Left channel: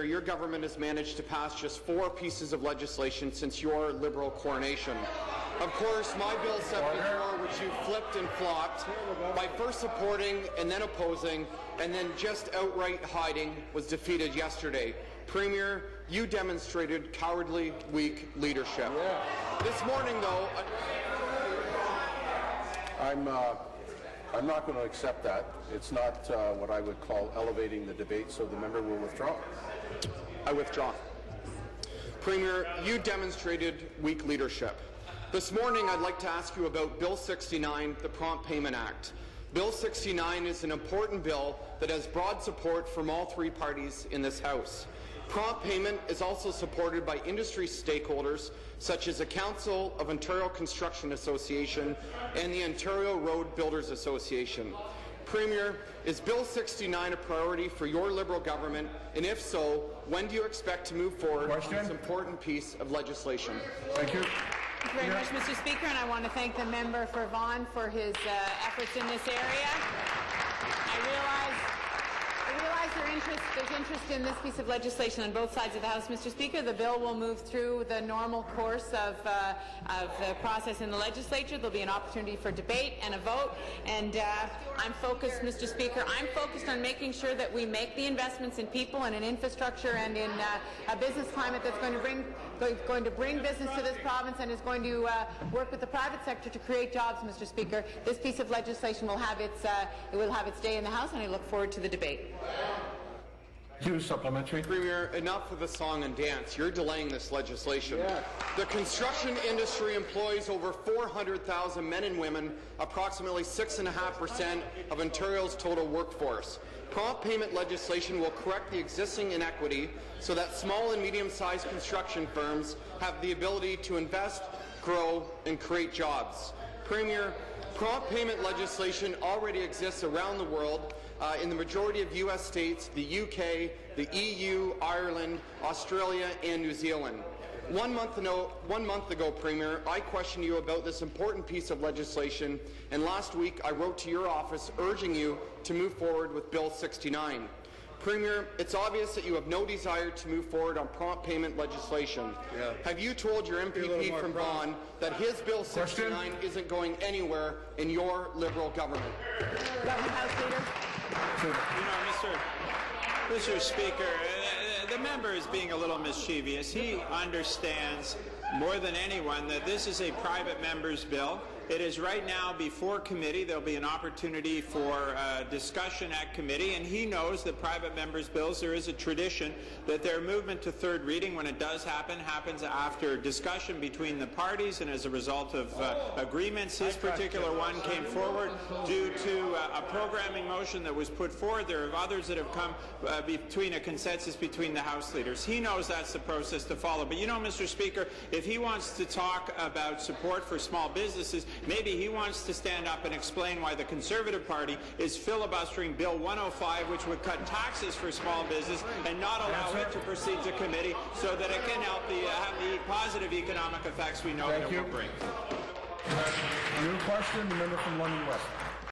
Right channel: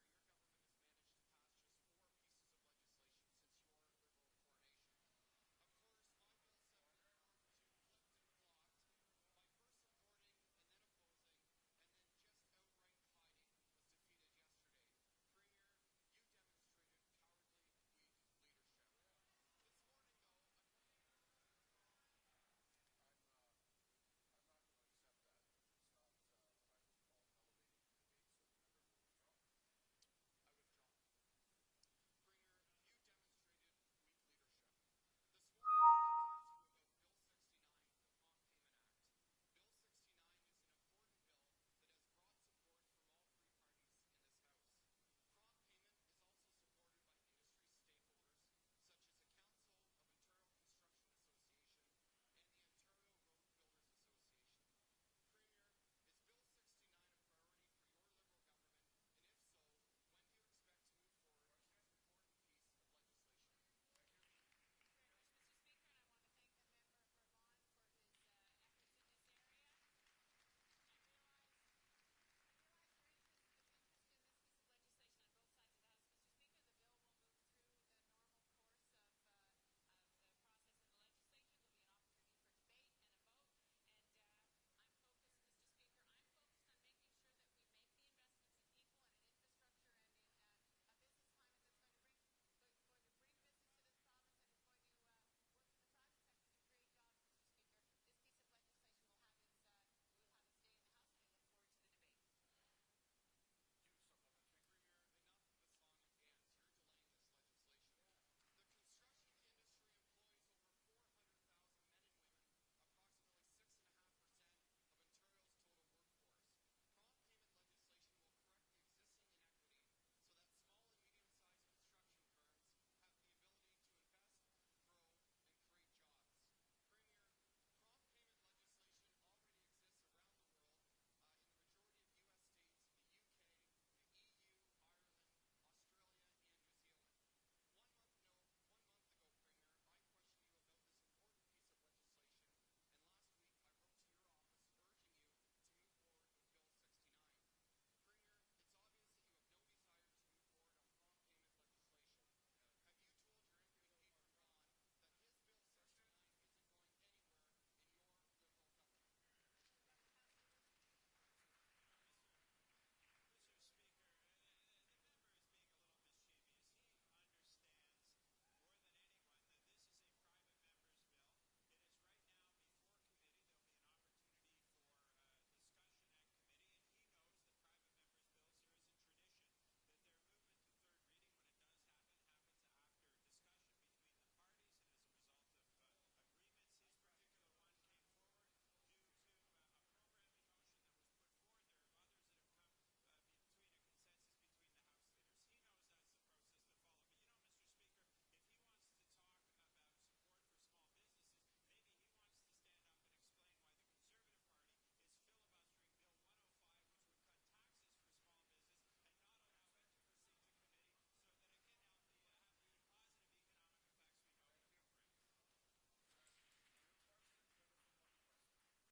Your government has managed to pass just 4 pieces of legislation since your Liberal coronation. Of course, my Bill 74, which you flipped and flopped by first supporting and then opposing and then just outright hiding, was defeated yesterday. Premier, you demonstrated cowardly, weak leadership. This morning, though, I'm not going to accept that. It's not what I would call elevating the debate, so the member will withdraw. I withdraw. Premier, you demonstrated weak leadership. This morning, I'd like to ask you about Bill 69, the Prompt Payment Act. Bill 69 is an important bill that has broad support from all 3 parties in this House. Prompt payment is also supported by industry stakeholders such as the Council of Ontario Construction Association and the Ontario Road Builders Association. Premier, is Bill 69 a priority for your Liberal government, and if so, when do you expect to move forward on this important piece of legislation? Thank you. Thank you very much, Mr. Speaker, and I want to thank the member for Vaughan for his efforts in this area. I realize there's interest in this piece of legislation on both sides of the House, Mr. Speaker. The bill will move through the normal course of the process in the legislature. There'll be an opportunity for debate and a vote, and I'm focused, Mr. Speaker, I'm focused on making sure that we make the investments in people and in infrastructure and in a business climate that's going to bring business to this province and is going to work with the private sector to create jobs, Mr. Speaker. This piece of legislation will have its day in the House, and I look forward to the debate. Supplementary. Premier, enough of the song and dance. You're delaying this legislation. The construction industry employs over 400,000 men and women, approximately 6.5% of Ontario's total workforce. Prompt payment legislation will correct the existing inequity so that small and medium-sized construction firms have the ability to invest, grow, and create jobs. Premier, prompt payment legislation already exists around the world in the majority of U.S. states, the UK, the EU, Ireland, Australia, and New Zealand. One month ago, Premier, I questioned you about this important piece of legislation, and last week I wrote to your office urging you to move forward with Bill 69. Premier, it's obvious that you have no desire to move forward on prompt payment legislation. Have you told your MPP from Vaughan that his Bill 69 isn't going anywhere in your Liberal government? House Leader. Mr. Speaker, the member is being a little mischievous. He understands more than anyone that this is a private member's bill. It is right now before committee. There will be an opportunity for discussion at committee, and he knows that private members' bills, there is a tradition that their movement to third reading, when it does happen, happens after discussion between the parties and as a result of agreements. His particular one came forward due to a programming motion that was put forward. There are others that have come between a consensus between the House leaders. He knows that's the process to follow. But you know, Mr. Speaker, if he wants to talk about support for small businesses, maybe he wants to stand up and explain why the Conservative Party is filibustering Bill 105, which would cut taxes for small business and not allow it to proceed to committee so that it can help have the positive economic effects we know that it will bring. New question, the member from London West.